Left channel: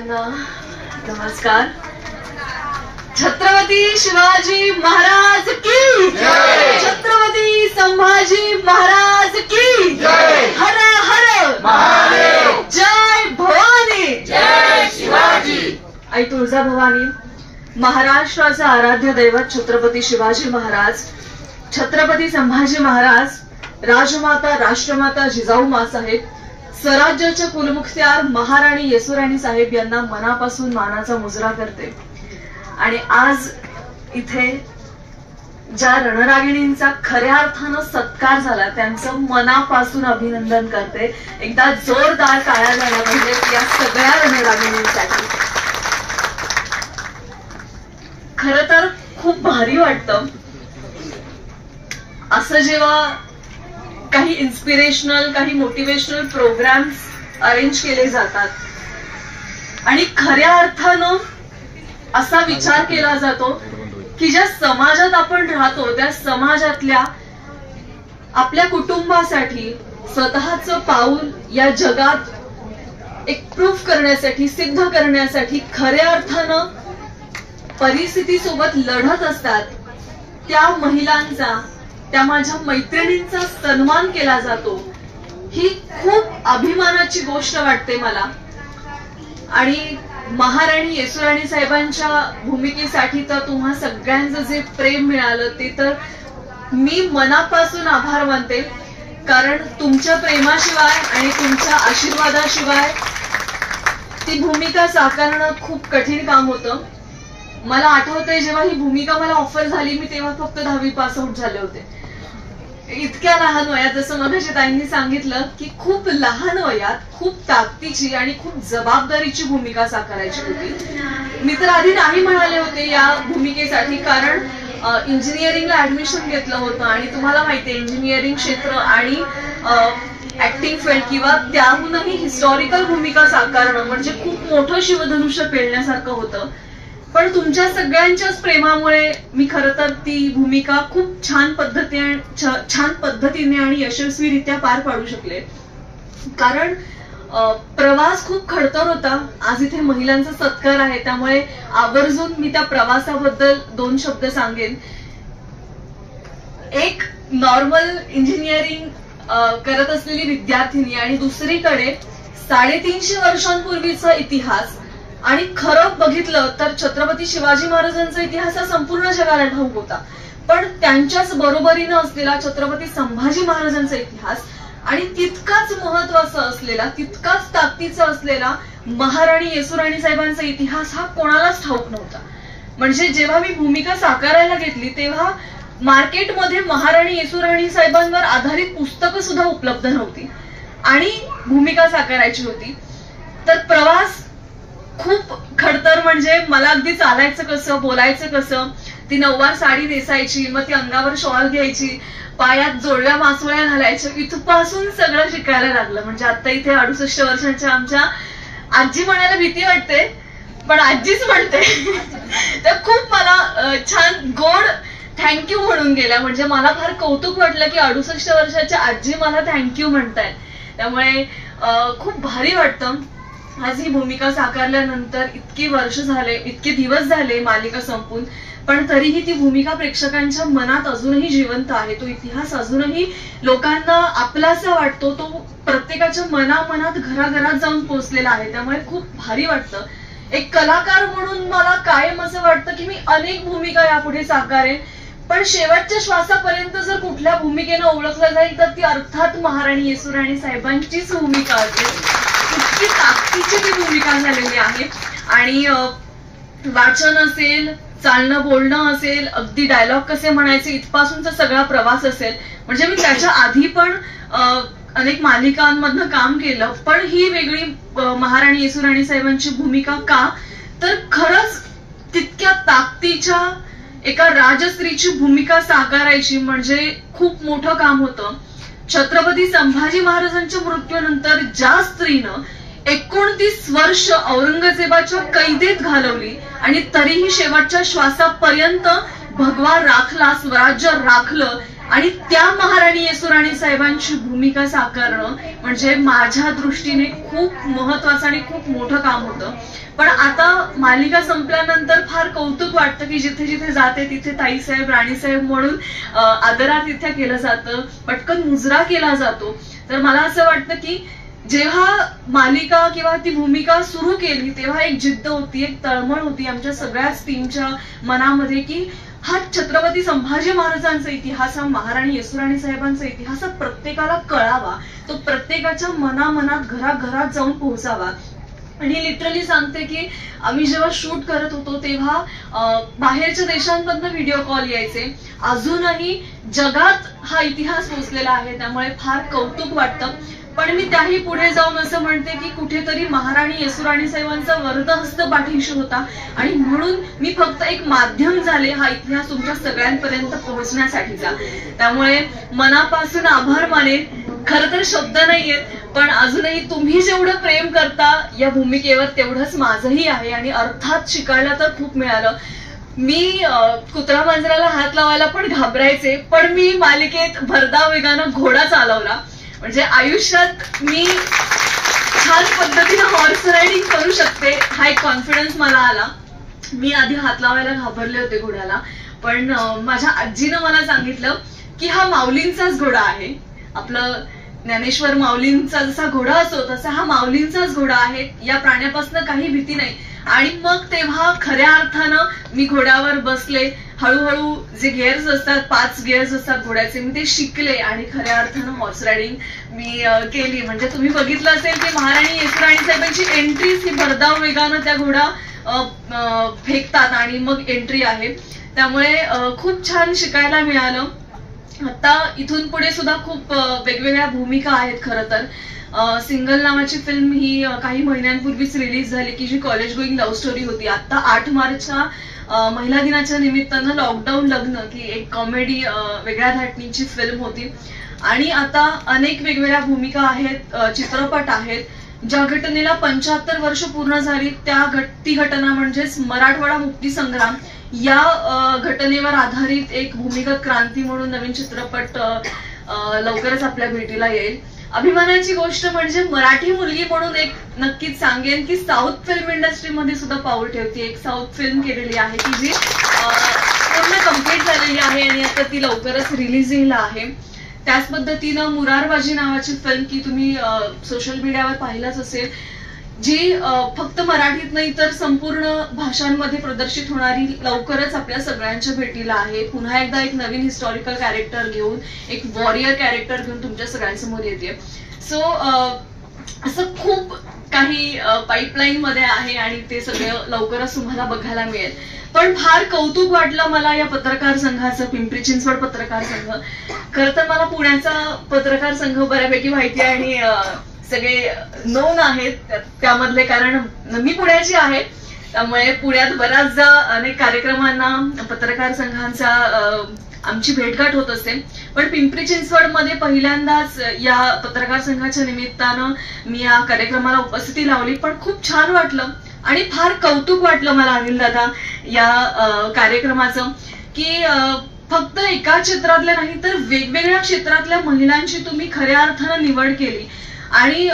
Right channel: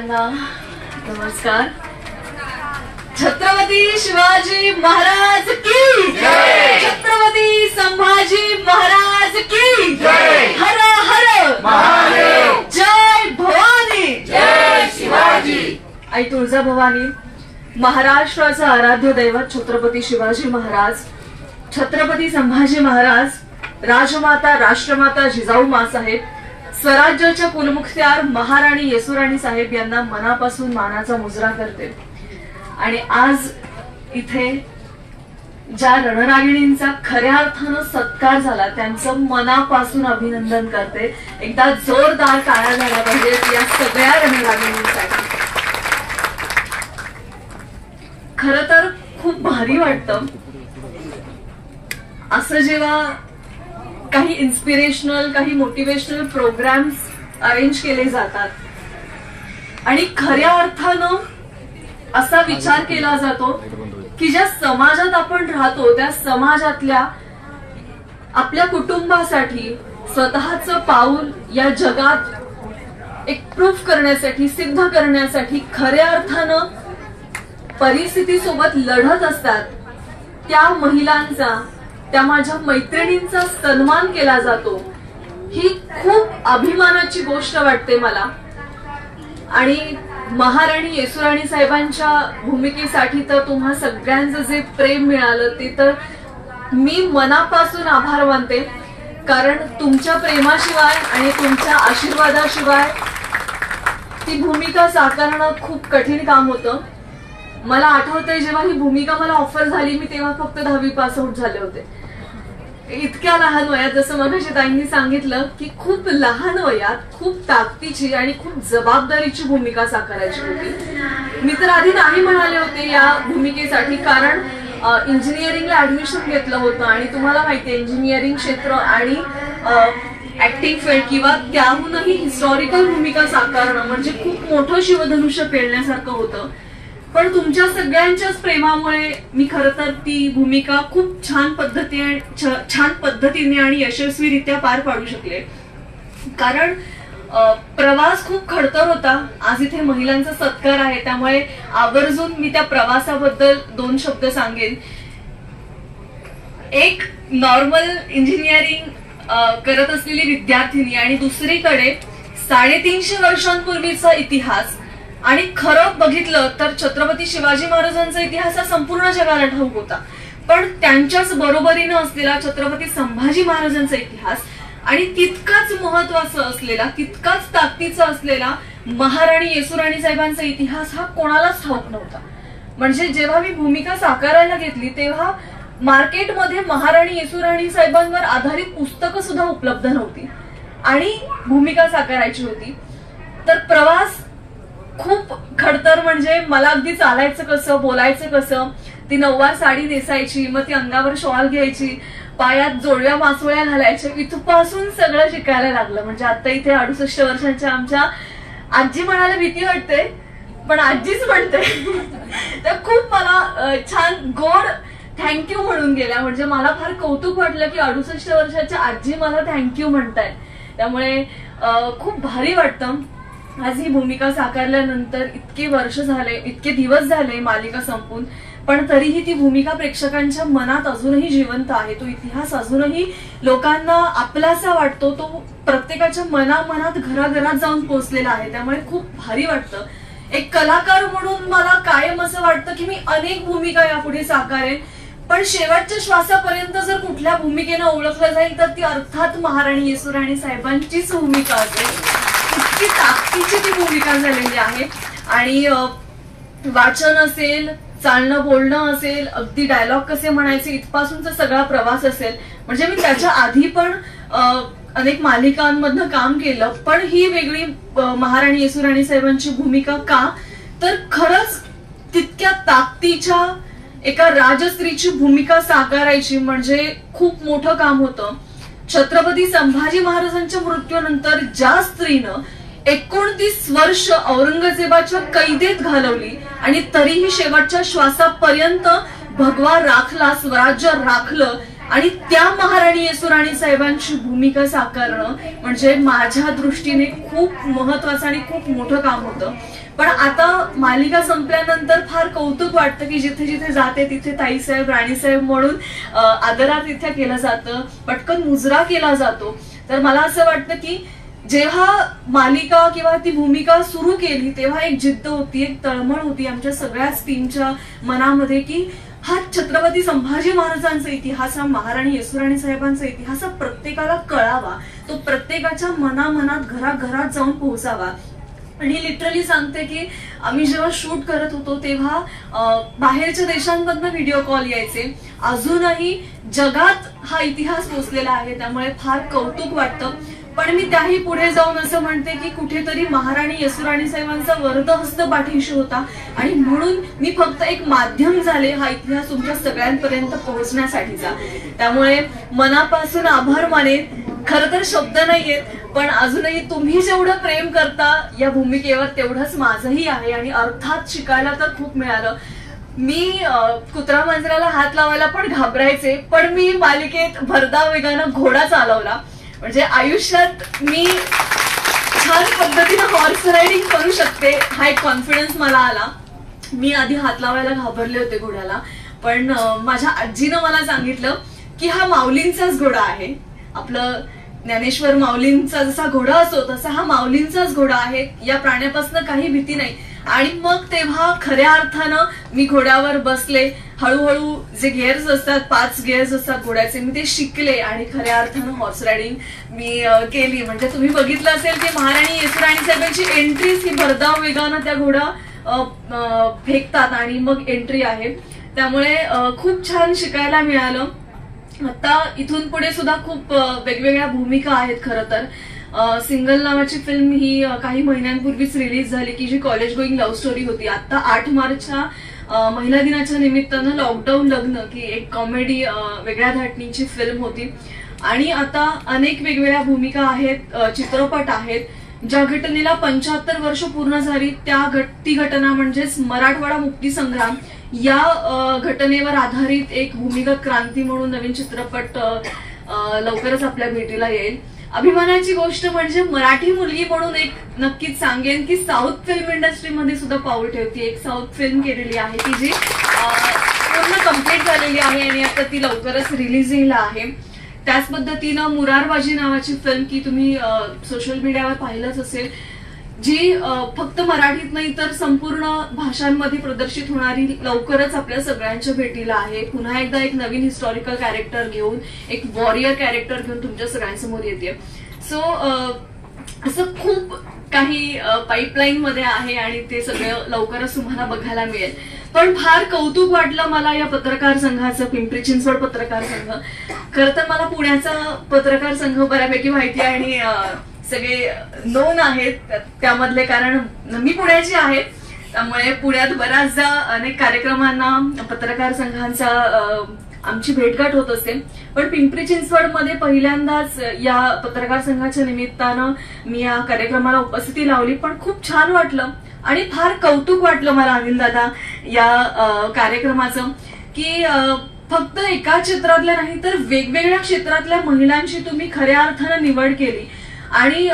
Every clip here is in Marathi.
सगळ्यांना नमस्कार. छत्रपती शिवाजी महाराज की जय. छत्रपती संभाजी महाराज की जय. हर हर महादेव. जय भवानी. जय शिवाजी. आई तुळजाभवानी, महाराष्ट्राचा आराध्य दैवत छत्रपती शिवाजी महाराज, छत्रपती संभाजी महाराज, राजमाता राष्ट्रमाता जिजाऊ मासाहेब, स्वराज्याच्या कुलमुखत्यार महाराणी येसुराणी साहेब यांना मनापासून मानाचा मुजरा करते. आणि आज इथे ज्या रणरागिणींचा खऱ्या अर्थानं सत्कार झाला त्यांचं मनापासून अभिनंदन करते. एकदा जोरदार टाळ्या झाल्या पाहिजेत या सगळ्या रणरागिणींसाठी. खरं तर खूप भारी वाटतं असं जेव्हा काही इन्स्पिरेशनल, काही मोटिवेशनल प्रोग्राम्स अरेंज केले जातात आणि खऱ्या अर्थानं असा विचार केला जातो की ज्या समाजात आपण राहतो त्या समाजातल्या आपल्या कुटुंबासाठी स्वतःचं पाऊल या जगात एक प्रूफ करण्यासाठी, सिद्ध करण्यासाठी खऱ्या अर्थानं परिस्थितीसोबत लढत असतात त्या महिलांचा, त्या माझ्या मैत्रिणींचा सन्मान केला जातो. ही खूप अभिमानाची गोष्ट वाटते मला. आणि महाराणी येसुराणी साहेबांच्या भूमिकेसाठी तर तुम्हा सगळ्यांचं जे प्रेम मिळालं ते तर मी मनापासून आभार मानते. कारण तुमच्या प्रेमाशिवाय आणि तुमच्या आशीर्वादाशिवाय ती भूमिका साकारणं खूप कठीण काम होतं. मला आठवतंय जेव्हा ही भूमिका मला ऑफर झाली मी तेव्हा फक्त 10वी पास आउट झाले होते. इतक्या लहान वयात, जसं मगाशी ताईंनी सांगितलं की खूप लहान वयात खूप ताकदीची आणि खूप जबाबदारीची भूमिका साकारायची होती. मी तर आधी नाही म्हणाले होते या भूमिकेसाठी, कारण इंजिनिअरिंगला ऍडमिशन घेतलं होतं आणि तुम्हाला माहितीये इंजिनिअरिंग क्षेत्र आणि ऍक्टिंग फील्ड किंवा त्याहूनही हिस्टॉरिकल भूमिका साकारणं म्हणजे खूप मोठं शिवधनुष्य पेलण्यासारखं होतं. पण तुमच्या सगळ्यांच्याच प्रेमामुळे मी खरं तर ती भूमिका खूप छान पद्धतीने आणि यशस्वीरित्या पार पाडू शकले. कारण प्रवास खूप खडतर होता. आज इथे महिलांचा सत्कार आहे त्यामुळे आवर्जून मी त्या प्रवासाबद्दल 2 शब्द सांगेन. एक नॉर्मल इंजिनिअरिंग करत असलेली विद्यार्थिनी आणि दुसरीकडे 350 वर्षांपूर्वीचा इतिहास. आणि खरं बघितलं तर छत्रपती शिवाजी महाराजांचा इतिहास हा संपूर्ण जगाला ठाऊक होता, पण त्यांच्याच बरोबरीनं असलेला छत्रपती संभाजी महाराजांचा इतिहास आणि तितकाच महत्वाचा असलेला, तितकाच ताकदीचा असलेला महाराणी येसुराणी साहेबांचा इतिहास हा कोणालाच ठाऊक नव्हता. म्हणजे जेव्हा मी भूमिका साकारायला घेतली तेव्हा मार्केटमध्ये महाराणी येसुराणी साहेबांवर आधारित पुस्तकं सुद्धा उपलब्ध नव्हती आणि भूमिका साकारायची होती. तर प्रवास खूप खडतर. म्हणजे मला अगदी चालायचं कसं, बोलायचं कसं, ती नऊवार साडी नेसायची, मग ती अंगावर शॉल घ्यायची, पायात जोडव्या मासोळ्या घालायच्या, इथपासून सगळं शिकायला लागलं. म्हणजे आता इथे 68 वर्षांच्या आमच्या आजी म्हणायला भीती वाटते पण आजीच म्हणते त्या खूप मला छान गोड थँक्यू म्हणून गेल्या. म्हणजे मला फार कौतुक वाटलं की 68 वर्षाच्या आजी मला थँक्यू म्हणतायत. त्यामुळे खूप भारी वाटतं. आज ही भूमिका साकारल्यानंतर इतके वर्ष झाले, इतके दिवस झाले मालिका संपून, पण तरीही ती भूमिका प्रेक्षकांच्या मनात अजूनही जिवंत आहे. तो इतिहास अजूनही लोकांना आपलासा वाटतो, तो प्रत्येकाच्या मनामनात घराघरात जाऊन पोहोचलेला आहे. त्यामुळे खूप भारी वाटतं. एक कलाकार म्हणून मला कायम असं वाटतं की मी अनेक भूमिका यापुढे साकारेन, पण शेवटच्या श्वासापर्यंत जर कुठल्या भूमिकेनं ओळखलं जाईल तर ती अर्थात महाराणी येसुराणी साहेबांचीच भूमिका असेल. इतकी ताकदीची ती भूमिका झालेली आहे. आणि वाचन असेल, चालणं बोलणं असेल, अगदी डायलॉग कसे म्हणायचे इथपासूनचा सगळा प्रवास असेल. म्हणजे मी त्याच्या आधी पण अनेक मालिकांमधनं काम केलं, पण ही वेगळी महाराणी येसुराणी साहेबांची भूमिका का, तर खरंच तितक्या ताकदीच्या एका राजस्त्रीची भूमिका साकारायची म्हणजे खूप मोठं काम होतं. छत्रपती संभाजी महाराजांच्या मृत्यूनंतर ज्या स्त्रीनं 29 वर्ष औरंगजेबाच्या कैदेत घालवली आणि तरीही शेवटच्या श्वासापर्यंत भगवा राखला, स्वराज्य राखलं आणि त्या महाराणी येसुराणी साहेबांची भूमिका साकारणं म्हणजे माझ्या दृष्टीने खूप महत्वाचं आणि खूप मोठं काम होतं. पण आता मालिका संपल्यानंतर फार कौतुक वाटतं की जिथे जिथे जाते तिथे ताईसाहेब, राणीसाहेब म्हणून आदरातिथ्य केलं जातं, पटकन मुजरा केला जातो. तर मला असं वाटतं की जेव्हा मालिका किंवा ती भूमिका सुरू केली तेव्हा एक जिद्द होती, एक तळमळ होती आमच्या सगळ्याच टीमच्या मनामध्ये की हा छत्रपती संभाजी महाराजांचा इतिहास, हा महाराणी येसुराणी साहेबांचा इतिहास प्रत्येकाला कळावा, तो प्रत्येकाच्या मनामनात घराघरात जाऊन पोहोचावा. आणि लिटरली सांगते की आम्ही जेव्हा शूट करत होतो तेव्हा बाहेरच्या देशांमधनं व्हिडिओ कॉल यायचे. अजूनही जगात हा इतिहास पोचलेला आहे, त्यामुळे फार कौतुक वाटतं. पण मी त्याही पुढे जाऊन असं म्हणते की कुठेतरी महाराणी येसुराणी साहेबांचा वरदहस्त पाठीशी होता आणि म्हणून मी फक्त एक माध्यम झाले हा इतिहास तुमच्या सगळ्यांपर्यंत पोहोचण्यासाठीचा. त्यामुळे मनापासून आभार माने. खरं तर शब्द नाहीयेत, पण अजूनही तुम्ही जेवढं प्रेम करता या भूमिकेवर तेवढंच माझंही आहे. आणि अर्थात शिकायला तर खूप मिळालं. मी कुत्रा मांजराला हात लावायला पण घाबरायचे, पण मी मालिकेत भरधाव वेगानं घोडा चालवला. म्हणजे आयुष्यात मी छान पद्धतीने हॉर्स रायडिंग करू शकते हा एक कॉन्फिडन्स मला आला. मी आधी हात लावायला घाबरले होते घोड्याला, पण माझ्या आजीनं मला सांगितलं की हा माऊलींचाच घोडा आहे. आपलं ज्ञानेश्वर माऊलींचा जसा घोडा असतो तसा हा माऊलींचाच घोडा आहे, या प्राण्यापासून काही भीती नाही. आणि मग तेव्हा खऱ्या अर्थानं मी घोड्यावर बसले. हळूहळू जे गिअर्स असतात, 5 गिअर्स असतात घोड्याचे, मी ते शिकले आणि खऱ्या अर्थानं हॉर्स रायडिंग मी केली. म्हणजे तुम्ही बघितलं असेल की महाराणी येसुराणी साहेबांची एंट्रीच ही भरधाव वेगानं त्या घोडा फेकतात आणि मग एंट्री आहे. त्यामुळे खूप छान शिकायला मिळालं. आता इथून पुढे सुद्धा खूप वेगवेगळ्या भूमिका आहेत. खरं तर सिंगल नावाची फिल्म ही काही महिन्यांपूर्वीच रिलीज झाली की जी कॉलेज गोईंग लव्ह स्टोरी होती. आता 8 मार्चच्या महिला दिनाच्या निमित्तानं लॉकडाऊन लग्न की एक कॉमेडी वेगळ्या धाटणीची फिल्म होती. आणि आता अनेक वेगवेगळ्या भूमिका आहेत, चित्रपट आहेत. ज्या घटनेला 75 वर्ष पूर्ण झाली ती घटना म्हणजेच मराठवाडा मुक्ती संग्राम या घटनेवर आधारित एक भूमिगत क्रांती म्हणून नवीन चित्रपट लवकरच आपल्या भेटीला येईल. अभिमानाची गोष्ट म्हणजे मराठी मुलगी म्हणून एक नक्कीच सांगेन की साऊथ फिल्म इंडस्ट्रीमध्ये सुद्धा पाऊल ठेवते. एक साऊथ फिल्म केलेली आहे की जी पूर्ण कम्प्लीट झालेली आहे आणि आता ती लवकरच रिलीजिंगला आहे. त्याच पद्धतीनं मुरारबाजी नावाची फिल्म की तुम्ही सोशल मीडियावर पाहिलंच असेल, जी फक्त मराठीत नाही तर संपूर्ण भाषांमध्ये प्रदर्शित होणारी लवकरच आपल्या सगळ्यांच्या भेटीला आहे. पुन्हा एकदा एक नवीन हिस्टॉरिकल कॅरेक्टर घेऊन, एक वॉरियर कॅरेक्टर घेऊन तुमच्या सगळ्यांसमोर येते. सो असं खूप काही पाईपलाईन मध्ये आहे आणि ते सगळं लवकरच तुम्हाला बघायला मिळेल. पण फार कौतुक वाटलं मला या पत्रकार संघाचं, पिंपरी चिंचवड पत्रकार संघ. खरं तर मला पुण्याचा पत्रकार संघ बऱ्यापैकी माहिती आहे आणि सगळे नोन आहेत त्यामधले, कारण मी पुण्याची आहे. त्यामुळे पुण्यात बऱ्याचदा अनेक कार्यक्रमांना पत्रकार संघांचा आमची भेटगाठ होत असते. पण पिंपरी चिंचवडमध्ये पहिल्यांदाच या पत्रकार संघाच्या निमित्तानं मी या कार्यक्रमाला उपस्थिती लावली. पण खूप छान वाटलं आणि फार कौतुक वाटलं मला अनिल दादा या कार्यक्रमाचं की फक्त एका क्षेत्रातल्या नाही तर वेगवेगळ्या क्षेत्रातल्या महिलांची तुम्ही खऱ्या अर्थानं निवड केली. आणि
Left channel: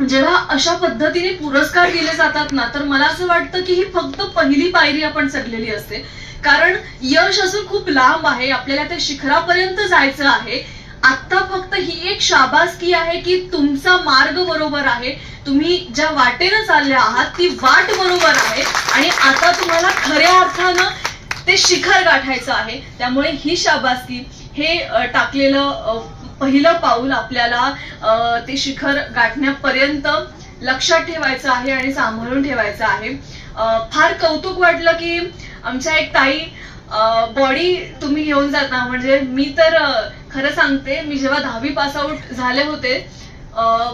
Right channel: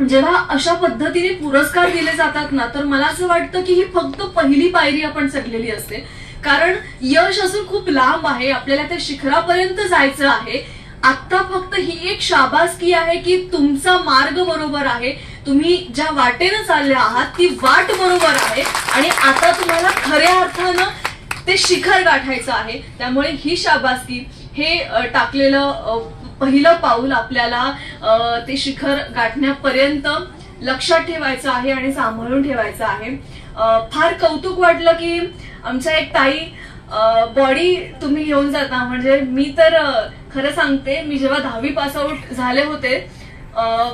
जेव्हा अशा पद्धतीने पुरस्कार दिले जातात ना, तर मला असं वाटतं की ही फक्त पहिली पायरी आपण चढलेली असते. कारण यश असून खूप लांब आहे, आपल्याला त्या शिखरापर्यंत जायचं आहे. आता फक्त ही एक शाबासकी आहे की तुमचा मार्ग बरोबर आहे, तुम्ही ज्या वाटेनं चालल्या आहात ती वाट बरोबर आहे आणि आता तुम्हाला खऱ्या अर्थानं ते शिखर गाठायचं आहे. त्यामुळे ही शाबासकी, हे टाकलेलं पहिलं पाऊल आपल्याला ते शिखर गाठण्यापर्यंत लक्षात ठेवायचं आहे आणि सांभाळून ठेवायचं आहे. फार कौतुक वाटलं की आमच्या एक ताई बॉडी तुम्ही घेऊन जाता. म्हणजे मी तर खरं सांगते, मी जेव्हा 10वी पास आउट झाले होते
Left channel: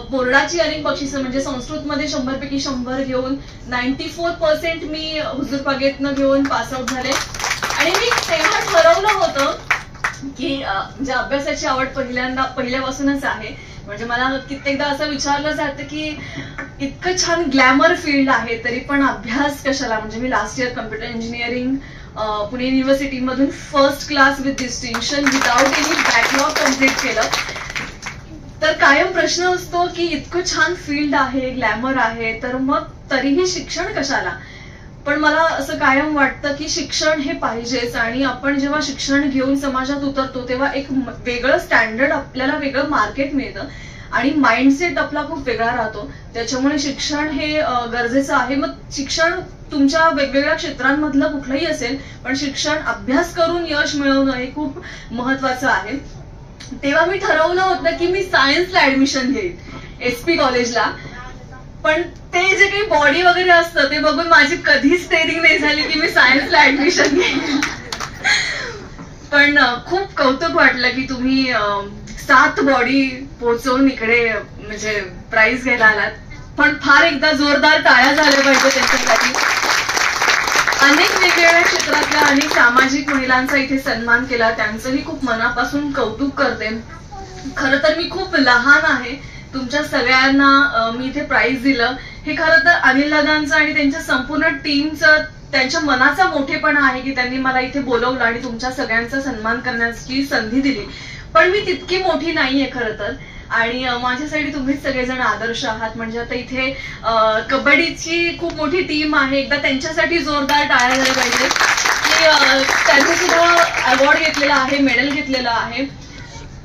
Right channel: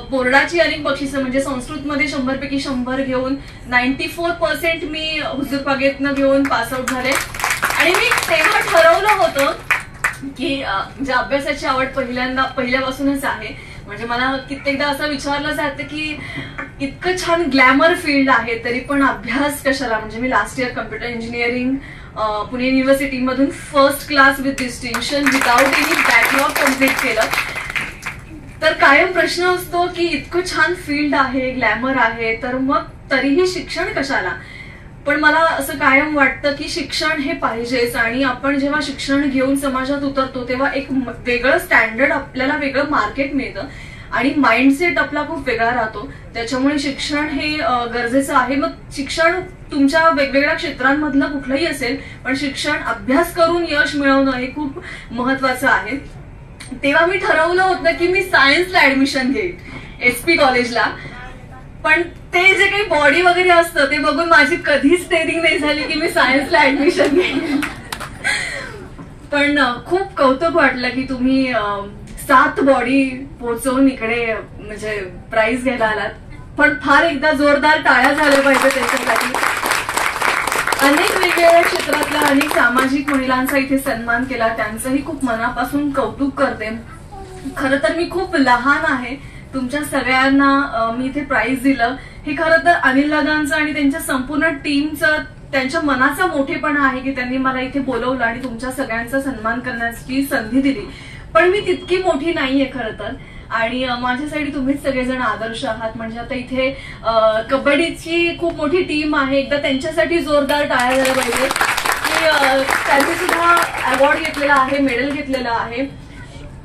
बोर्डाची अनेक बक्षिसं म्हणजे संस्कृतमध्ये 100 पैकी 100 घेऊन 94% मी हुजूरबागेतनं घेऊन पास आउट झाले. आणि मी तेव्हा ठरवलं होतं की म्हणजे अभ्यासाची आवड पहिल्यापासूनच आहे. म्हणजे मला कित्येकदा असं विचारलं जातं की इतकं छान ग्लॅमर फील्ड आहे तरी पण अभ्यास कशाला. म्हणजे मी last year computer engineering Pune university मधून first class with distinction without any backlog complete केलं. तर कायम प्रश्न असतो की इतकं छान फील्ड आहे, ग्लॅमर आहे, तर मग तरीही शिक्षण कशाला. पण मला असं कायम वाटतं की शिक्षण हे पाहिजेच, आणि आपण जेव्हा शिक्षण घेऊन समाजात उतरतो तेव्हा एक वेगळं स्टँडर्ड, आपल्याला वेगळं मार्केट मिळतं आणि माइंडसेट आपला खूप वेगळा राहतो. त्याच्यामुळे शिक्षण हे गरजेचं आहे. मग शिक्षण तुमच्या वेगवेगळ्या क्षेत्रांमधलं कुठलंही असेल, पण शिक्षण अभ्यास करून यश मिळवणं हे खूप महत्वाचं आहे. तेव्हा मी ठरवलं होतं की मी सायन्सला ऍडमिशन घेईन SP कॉलेजला, पण ते जे काही बॉडी वगैरे असतं ते बघून माझी कधीच ट्रेनिंग नाही झाली की मी सायन्सला ऍडमिशन घेईन. पण खूप कौतुक वाटलं की तुम्ही 7 बॉडी पोहोचवून इकडे म्हणजे प्राइज घ्यायला आलात. पण फार एकदा जोरदार टाळ्या झाल्या पाहिजे त्यांच्यासाठी. अनेक वेगवेगळ्या क्षेत्रातल्या अनेक सामाजिक महिलांचा इथे सन्मान केला, त्यांचंही खूप मनापासून कौतुक करते. खरं तर मी खूप लहान आहे, तुमच्या सगळ्यांना मी इथे प्राइज दिलं हे खरं तर अनिल दादांचं आणि त्यांच्या संपूर्ण टीमचं, त्यांच्या मनाचा मोठेपणा आहे की त्यांनी मला इथे बोलवलं आणि तुमच्या सगळ्यांचा सन्मान करण्याची संधी दिली. पण मी तितकी मोठी नाहीये खरं तर, आणि माझ्यासाठी तुम्हीच सगळेजण आदर्श आहात. म्हणजे आता इथे कबड्डीची खूप मोठी टीम आहे, एकदा त्यांच्यासाठी जोरदार टाळ्या झाल्या पाहिजे की त्यांनी सुद्धा अवॉर्ड घेतलेला आहे, मेडल घेतलेलं आहे.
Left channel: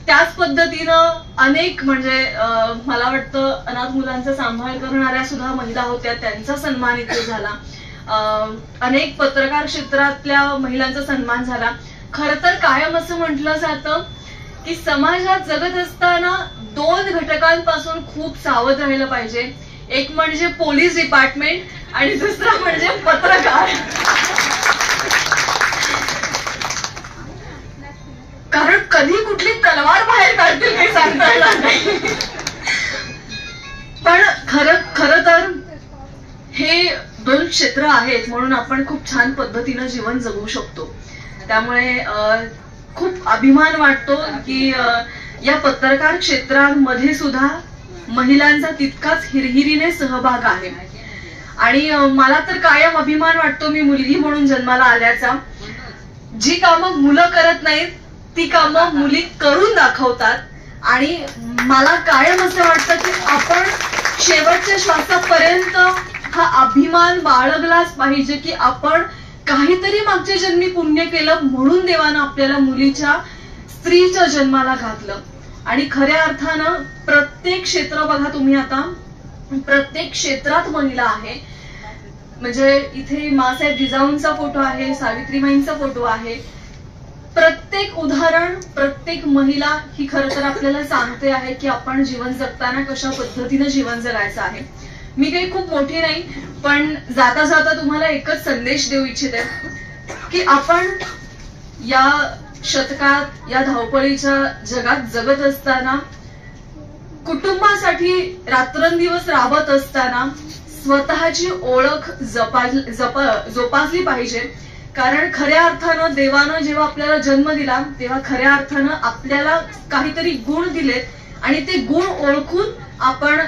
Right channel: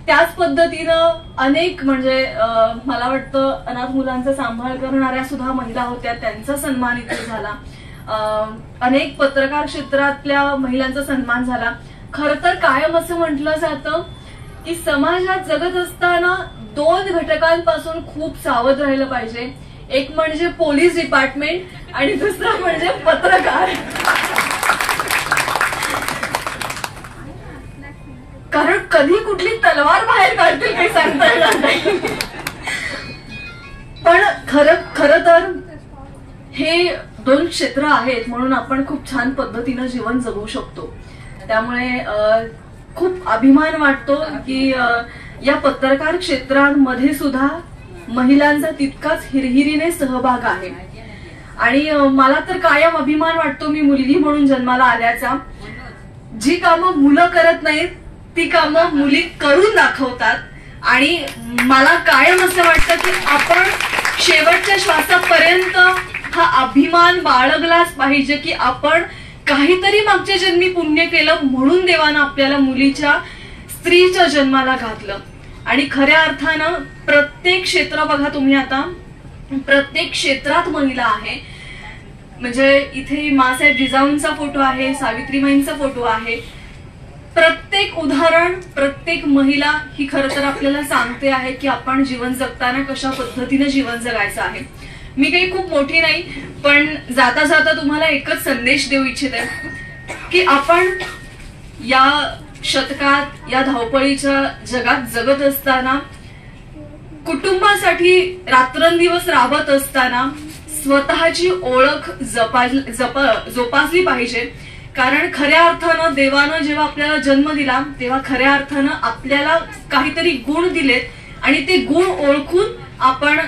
त्याच पद्धतीनं अनेक म्हणजे मला वाटतं अनाथ मुलांचा सांभाळ करणाऱ्या सुद्धा महिला होत्या, त्यांचा सन्मान इथे झाला. अनेक पत्रकार क्षेत्रातल्या महिलांचा सन्मान झाला. खरं तर कायम असं म्हटलं जातं की समाजात जगत असताना 2 घटकांपासून खूप सावध राहिलं पाहिजे. एक म्हणजे पोलीस डिपार्टमेंट आणि दुसरा म्हणजे पत्रकार. कारण कधी कुठली तलवार बाहेर काढतील काही सांगता येणार नाही. पण खरं तर हे 2 क्षेत्र आहेत म्हणून आपण खूप छान पद्धतीनं जीवन जगू शकतो. त्यामुळे खूप अभिमान वाटतो की या पत्रकार क्षेत्रांमध्ये सुद्धा महिलांचा तितकाच हिरहिरीने सहभाग आहे. आणि मला तर कायम अभिमान वाटतो मी मुलगी म्हणून जन्माला आल्याचा. जी कामं मुलं करत नाहीत ती कामं मुली करून दाखवतात, आणि मला कायम असं वाटतं की आपण शेवटच्या श्वासापर्यंत हा अभिमान बाळगलाच पाहिजे की आपण काहीतरी मागच्या जन्मी पुण्य केलं म्हणून देवानं आपल्याला मुलीच्या, स्त्रीच्या जन्माला घातलं. आणि खऱ्या अर्थानं प्रत्येक क्षेत्र बघा तुम्ही, आता प्रत्येक क्षेत्रात महिला आहे. म्हणजे इथे मासाहेब जिजाऊंचा फोटो आहे, सावित्रीबाईंचा फोटो आहे. प्रत्येक उदाहरण, प्रत्येक महिला ही खरं तर आपल्याला सांगते आहे की आपण जीवन जगताना कशा पद्धतीनं जीवन जगायचं आहे. मी काही खूप मोठी नाही, पण जाता जाता तुम्हाला एकच संदेश देऊ इच्छिते की आपण या शतकात, या धावपळीच्या जगात जगत असताना, कुटुंबासाठी रात्रंदिवस राबत असताना स्वतःची ओळख जोपासली पाहिजे. कारण खऱ्या अर्थानं देवानं जेव्हा आपल्याला जन्म दिला तेव्हा खऱ्या अर्थानं आपल्याला काहीतरी गुण दिलेत, आणि ते गुण ओळखून आपण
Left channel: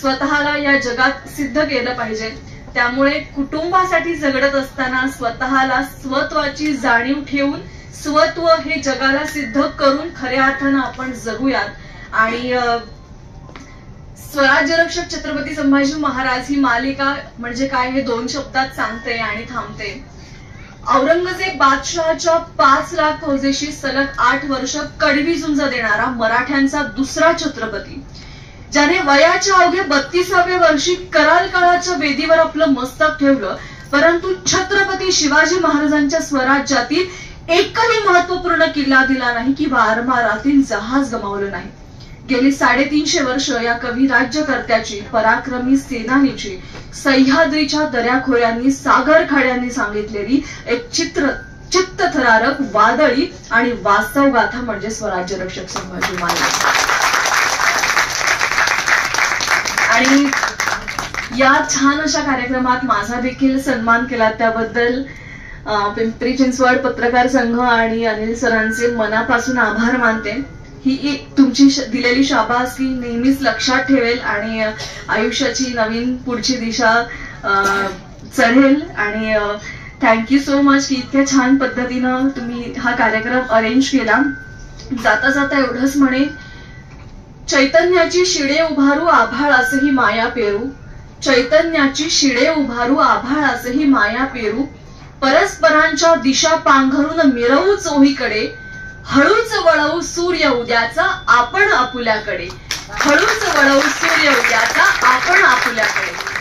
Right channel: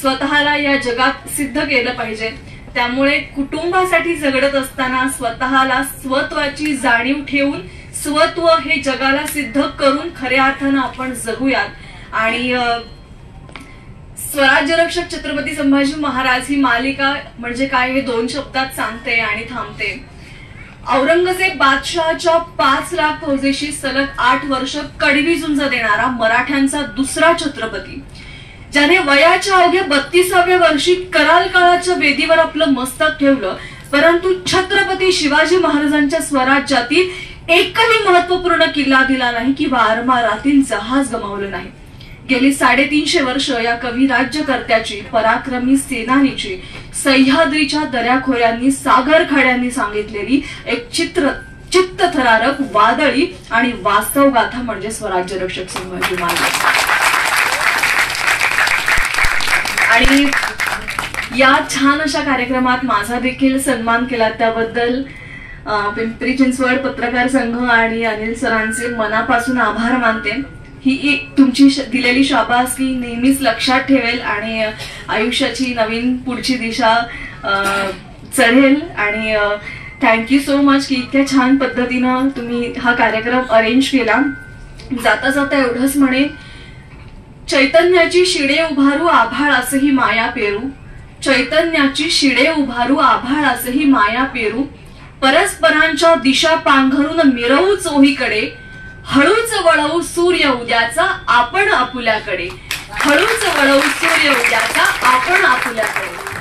स्वतःला या जगात सिद्ध केलं पाहिजे. त्यामुळे कुटुंबासाठी जगत असताना स्वतःला स्वत्वाची जाणीव ठेवून स्वत्व हे जगाला सिद्ध करून खऱ्या अर्थानं आपण जगूयात. आणि स्वराज्य रक्षक छत्रपती संभाजी महाराज ही मालिका म्हणजे काय हे 2 शब्दात सांगते आणि थांबते. औरंगजेब बादशहाच्या 5 लाख फौजेशी सलग 8 वर्ष कडवी झुंज देणारा मराठ्यांचा दुसरा छत्रपती, ज्याने वयाच्या अवघ्या 32व्या वर्षी कराल काळाच्या वेदीवर आपलं मस्तक ठेवलं, परंतु छत्रपती शिवाजी महाराजांच्या स्वराज्यातील एकही महत्वपूर्ण किल्ला दिला नाही किंवा आरमारातील जहाज गमावलं नाही. गेली 350 वर्ष या कवी राज्यकर्त्याची, पराक्रमी सेनानीची, सह्याद्रीच्या दऱ्याखोऱ्यांनी, सागर खाड्यांनी सांगितलेली एक चित्तथरारक, वादळी आणि वास्तव गाथा म्हणजे स्वराज्य रक्षक संभाजी महाराज. आणि या छान अशा कार्यक्रमात माझा देखील सन्मान केला त्याबद्दल पिंपरी चिंचवड पत्रकार संघ आणि अनिल सरांचे मनापासून आभार मानते. ही तुमची दिलेली शाबासकी नेहमीच लक्षात ठेवेल आणि आयुष्याची नवीन पुढची दिशा चढेल. आणि थँक्यू सो मच की इतक्या छान पद्धतीनं तुम्ही हा कार्यक्रम अरेंज केला. जाता जाता एवढंच म्हणे, चैतन्याची शिडे उभारू, आभाळ असंही माया पेरू, चैतन्याची शिडे उभारू आभाळासही माया पेरू परस्परांच्या दिशा पांघरून मिरवू चोहीकडे हळूच वळवू सूर्य उद्याचा आपण आपुल्याकडे हळूच वळवू सूर्य उद्याचा आपण आपुल्याकडे